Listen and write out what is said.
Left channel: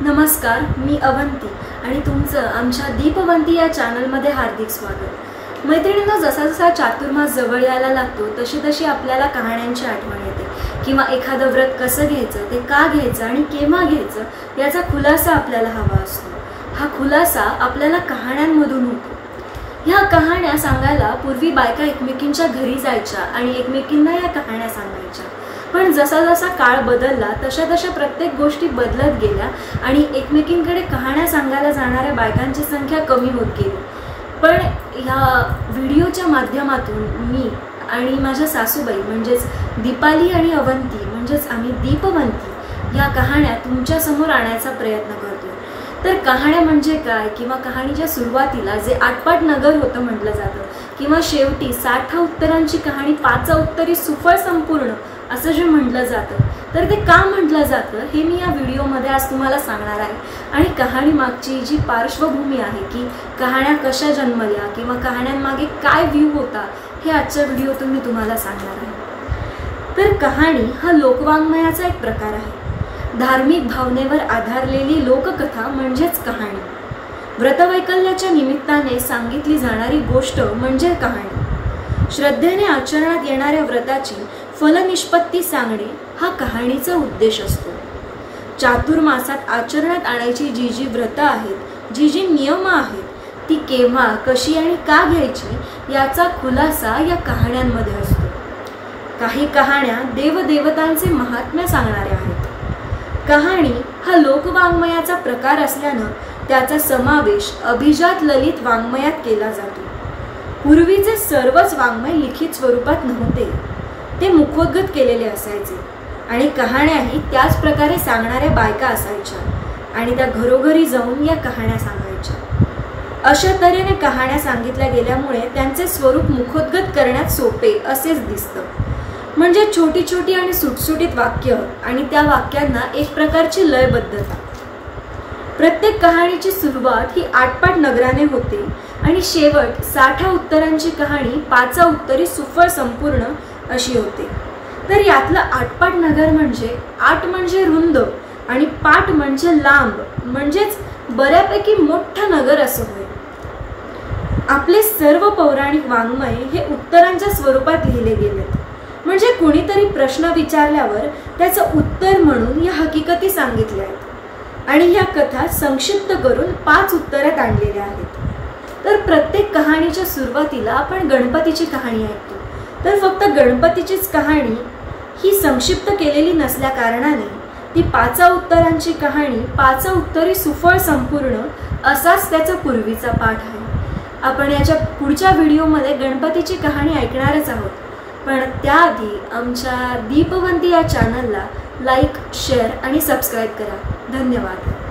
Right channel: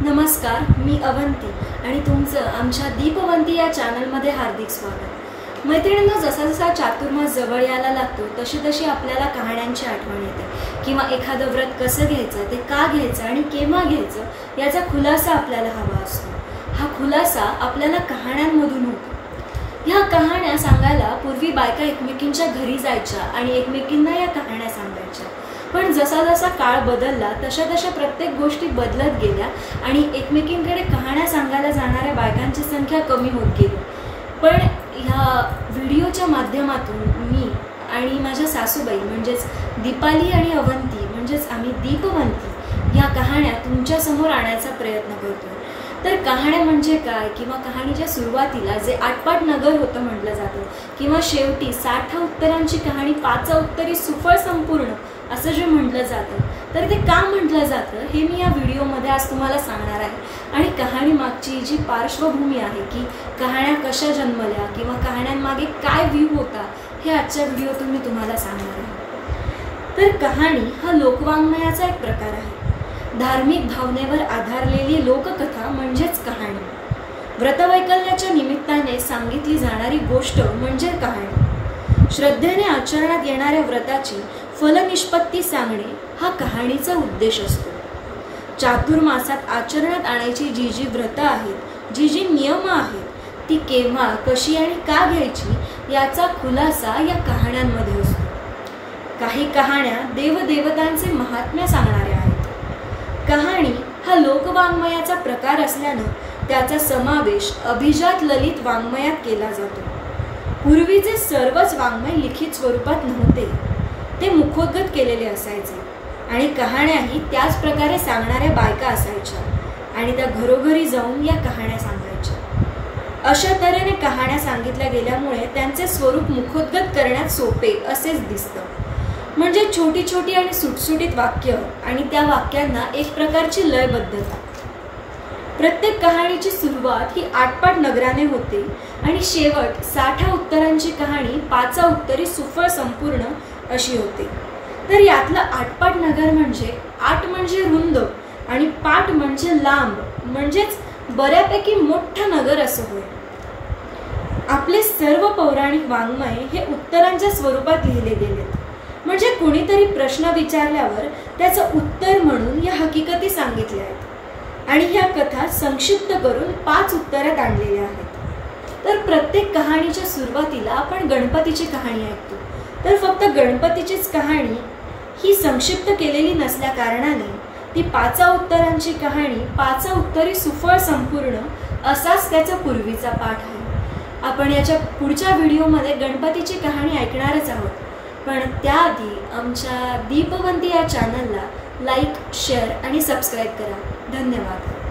नमस्कार, मी अवंती आणि तुमचं आमच्या दीपवंती या चॅनलमध्ये हार्दिक स्वागत। मैत्रिणींनो, जसा जसा चातुर्मास जवळ यायला लागतो तशी तशी आपल्याला कहाण्यांची आठवण येते किंवा एखादं व्रत कसं घ्यायचं, ते का घ्यायचं आणि केव्हा घ्यायचं याचा खुलासा आपल्याला हवा असतो। हा खुलासा आपल्याला कहाण्यांमधून होतो। ह्या कहाण्या सांगायला पूर्वी बायका एकमेकींच्या घरी जायच्या आणि एकमेकींना या कहाण्या सांगायच्या। पण जसा जसा काळ बदलला तशा तशा प्रत्येक गोष्टी बदलत गेल्या आणि एकमेकींकडे कहाण्या सांगायला जाणाऱ्या बायकांची संख्या कमी होत गेली। पण ह्या व्हिडिओच्या माध्यमातून मी आणि माझ्या सासूबाई म्हणजेच दीपाली आणि अवंती म्हणजेच आम्ही दीपवंती ह्या कहाण्या तुमच्या समोर आणण्याचा प्रयत्न करतोय। तर कहाण्या म्हणजे काय किंवा कहाणीच्या सुरुवातीला जे आटपाट नगर होतं म्हटलं जातं किंवा शेवटी 60 उत्तरांची कहाणी 5 उत्तरी सुफळ संपूर्ण असं जे म्हटलं जातं, तर ते का म्हटलं जातं हे मी या व्हिडिओमध्ये आज तुम्हाला सांगणार आहे। आणि कहाणी मागची जी पार्श्वभूमी आहे की कहाण्या कशा जन्मल्या किंवा कहाण्यांमागे काय व्ह्यू होता हे आजच्या व्हिडिओतून मी तुम्हाला सांगणार आहे। तर कहाणी हा लोकवाङ्मयाचा एक प्रकार आहे। धार्मिक भावनेवर आधारलेली लोककथा म्हणजेच कहाणी। व्रतवैकल्याच्या निमित्ताने सांगितली जाणारी गोष्ट म्हणजे कहाणी। श्रद्धेने आचरणात येणाऱ्या व्रताची फलनिष्पत्ती सांगणे हा कहाणीचा उद्देश असतो। चातुर्मासात आचरणात आणायची जी जी व्रत आहेत, जी जी नियम आहेत, ती केव्हा, कशी आणि का घ्यायची याचा खुलासा या कहाण्यांमध्ये असतो। काही कहाण्या देवदेवतांचे महात्म्य सांगणाऱ्या आहेत। कहाणी हा लोकवाङ्मयाचा प्रकार असल्यानं त्याचा समावेश अभिजात ललित वाङ्मयात केला जातो। पूर्वीचे सर्वच वाङ्मय लिखित स्वरूपात नव्हते, ते मुखोद्गत केलेले असायचे आणि कहाण्याही त्याच प्रकारे सांगणाऱ्या बायका असायच्या आणि त्या घरोघरी जाऊन या कहाण्या सांगायच्या। अशा तऱ्हेने कहाण्या सांगितल्या गेल्यामुळे त्यांचे स्वरूप मुखोद्गत करण्यात सोपे असेच दिसतं। म्हणजे छोटी छोटी आणि सुटसुटीत वाक्य आणि त्या वाक्यांना एक प्रकारची लयबद्धता। प्रत्येक कहाणीची सुरुवात ही आटपाट नगराने होते आणि शेवट 60 उत्तरांची कहाणी 5 उत्तरी सुफळ संपूर्ण अशी होते। तर यातलं आटपाट नगर म्हणजे आट म्हणजे रुंद आणि पाट म्हणजे लांब, म्हणजेच बऱ्यापैकी मोठं नगर असं होय। आपले सर्व पौराणिक वाङ्मय हे उत्तरांच्या स्वरूपात लिहिले गेलेत, म्हणजे कुणीतरी प्रश्न विचारल्यावर त्याचं उत्तर म्हणून या हकीकती सांगितल्या आहेत आणि ह्या कथा संक्षिप्त करून 5 उत्तरात आणलेल्या आहेत। तर प्रत्येक कहाणीच्या सुरुवातीला आपण गणपतीची कहाणी ऐकतो, तर फक्त गणपतीचीच कहाणी ही संक्षिप्त केलेली नसल्या कारणाने ती 5 उत्तरांची कहाणी 5 उत्तरी सुफळ संपूर्ण असाच त्याचा पूर्वीचा पाठ आहे। आपण याच्या पुढच्या व्हिडिओमध्ये गणपतीची कहाणी ऐकणारच आहोत, पण त्याआधी आमच्या दीपवंती या चॅनलला लाईक, शेअर आणि सबस्क्राईब करा। धन्यवाद।